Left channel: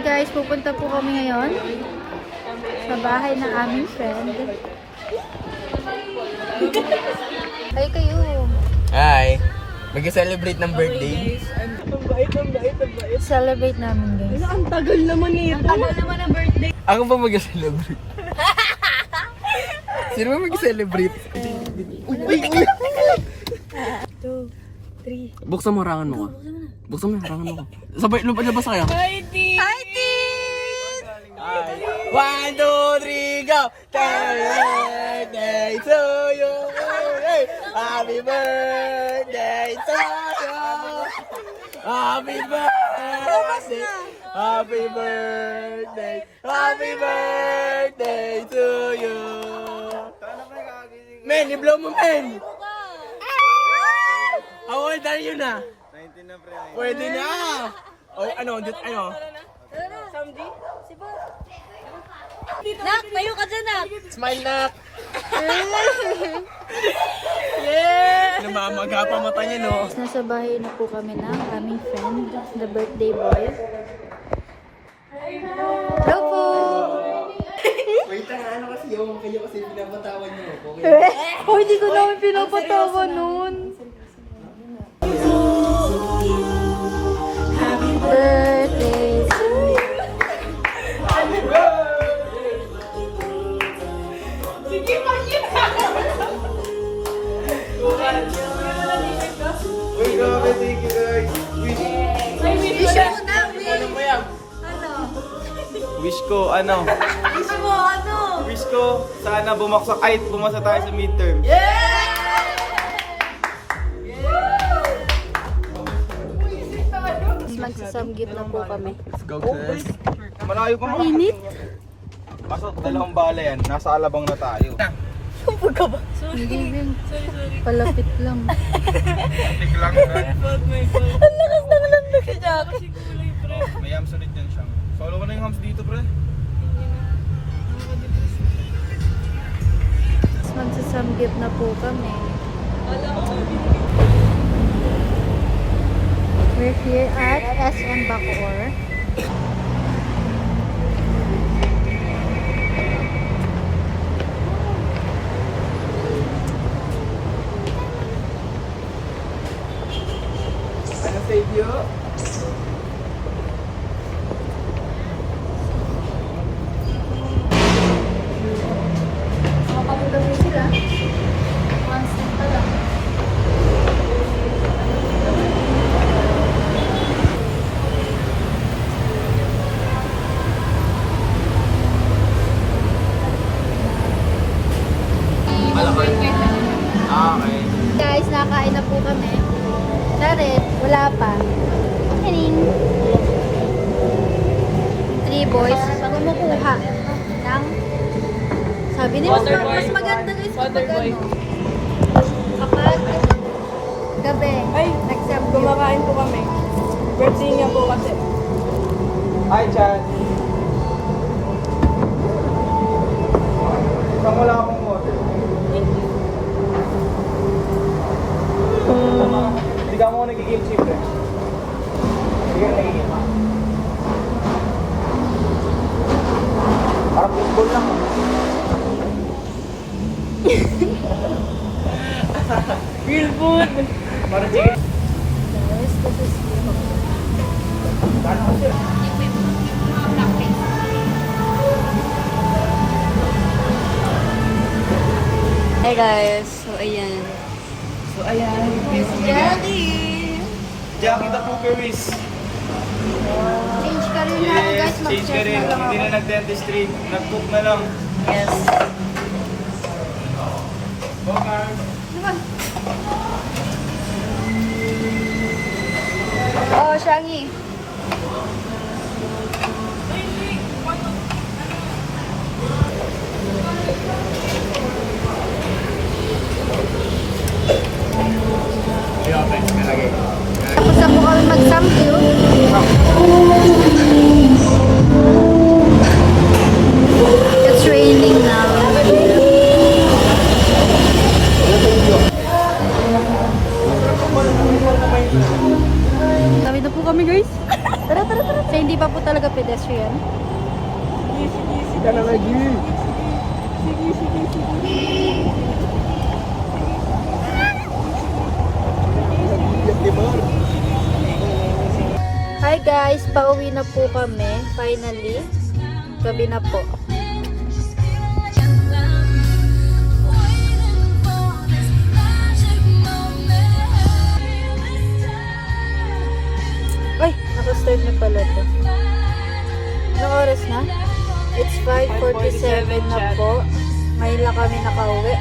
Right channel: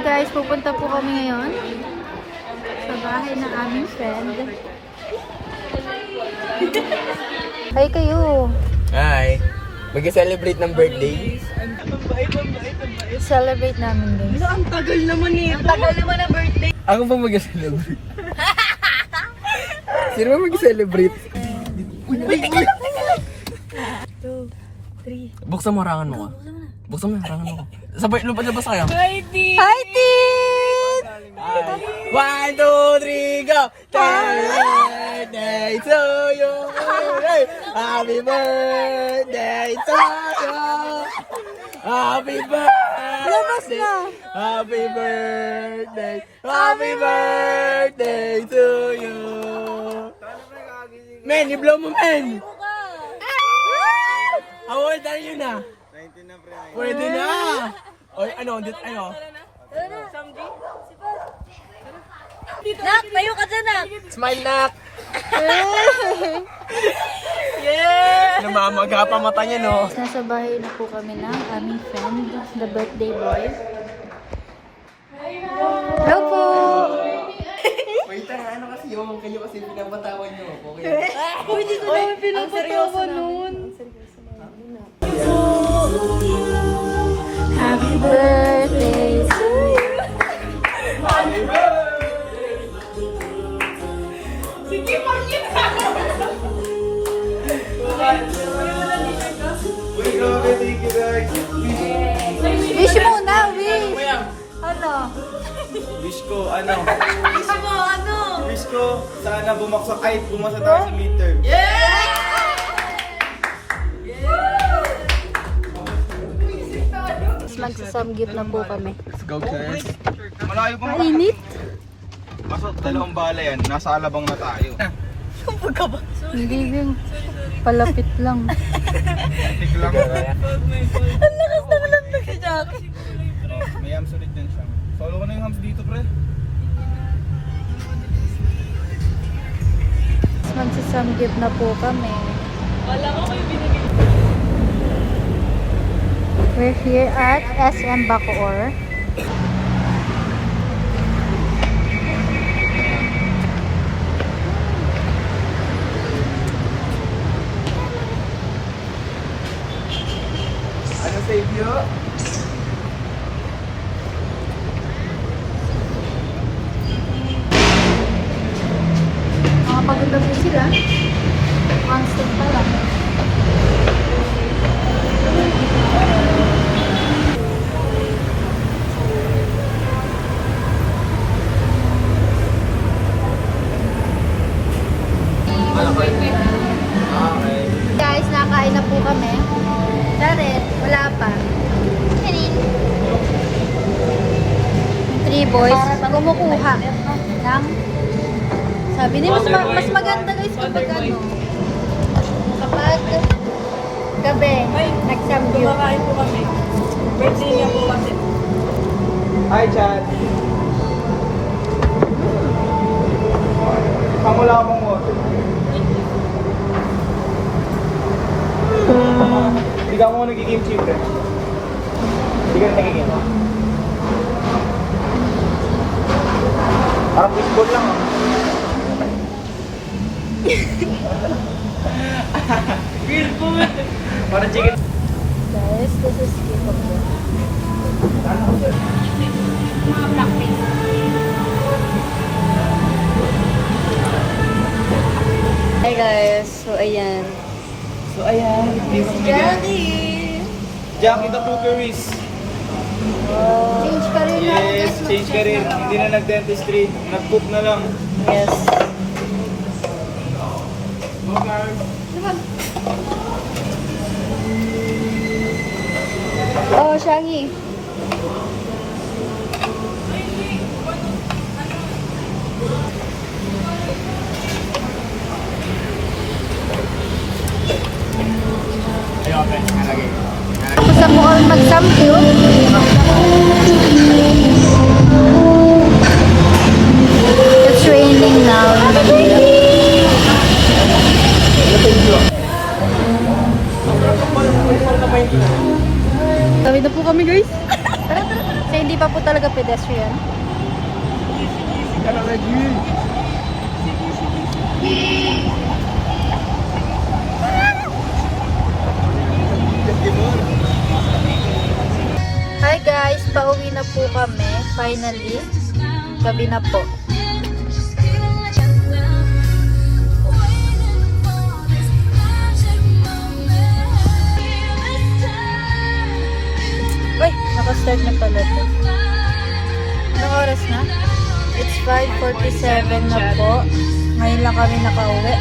Hi guys, pupunta po kami ngayon sa bahay ng aming friend. Hi kayo! Hi! Mag-celebrate ng birthday. Ang bait. Celebrate namin guys. Ang tagal naman nito. Ang tagal naman ang birthday. Ako ba mag-celebrate? Sino ba mag-celebrate? Uy! Buksan mo harangan mo ka. Buksan mo yung harangan mo ka. Sabay, lupad na ba kaya? Hi, T! Hi Tit! 1, 2, 3, go! Birthday to you! Happy birthday to you! Happy birthday! Happy birthday! Happy birthday to you! Men, i-blow mo, men! How old are you na? 19 na pre. Pwede na! O, ano? Samdi? Nak, tayo ka dyan, Nak! Smile, nak! Yeah! Namamaga pa mata niya, no? Nasa bahay na po kami ng aming friend, the birthday boy. Hello po! Wait na, ano kasi yung kayo kasi pinapatawan niyo. Oh, hindi ko naman pinapatawa nun. Birthday to you. Wait, go, thank you guys. Wish muna, wish! Ano? Wish ko, ano? Gusto mo, ano? Wish ko, sana bumasa tayo sa midterm. Magsasamgit na po kami. Let's go, guys. Malayo pa. Mainit? Kaso dalawang bala yan, nasa alabang na tayo. Hindi din. Palapit lang. Tiglang na. Ang lakas ng lamig si Jack. May hams ulit din siya. Solo ko na yung hams dito, pre. Magsasamgit na po kami. Wala ko may binigay. We're here at SM Bacoor. Ano save you? Mga pagkagabi sila. One step pa lang. Okay. Guys, nakain na po kami. Charet, wala pa. Three boys, kumukuha ng... Sabi niya, mas maganda guys kapag ano. Kapag gabi, nagsamgyo. Kumakain po kami. Birthday niya po kasi. Hi, Chad. Saan wala ka bang water? Hindi ka mo nagiging chip, eh. Hindi ka na nagiging. Parang football lang, ah. Real food. Parang chicken. Guys, this is Hey guys, so ayan. Jackie the Pookeries. change ka rin na ako guys. Change ka rin. Mag-change na lang Hindi ako. na nag-dentistry. Nag-cook na lang. Yes. Oh, Shangi. Tapos na po kami mag-samgyo. It's raining now in Manila. Tawid na po kami guys. pedestrian. Tara na, G. Hi guys, pauwi na po kami. Finally, gabi na po. Uy, nakastart na pala to. Anong oras na? It's 5:47 na po. Ngayon lang kami nakauwi.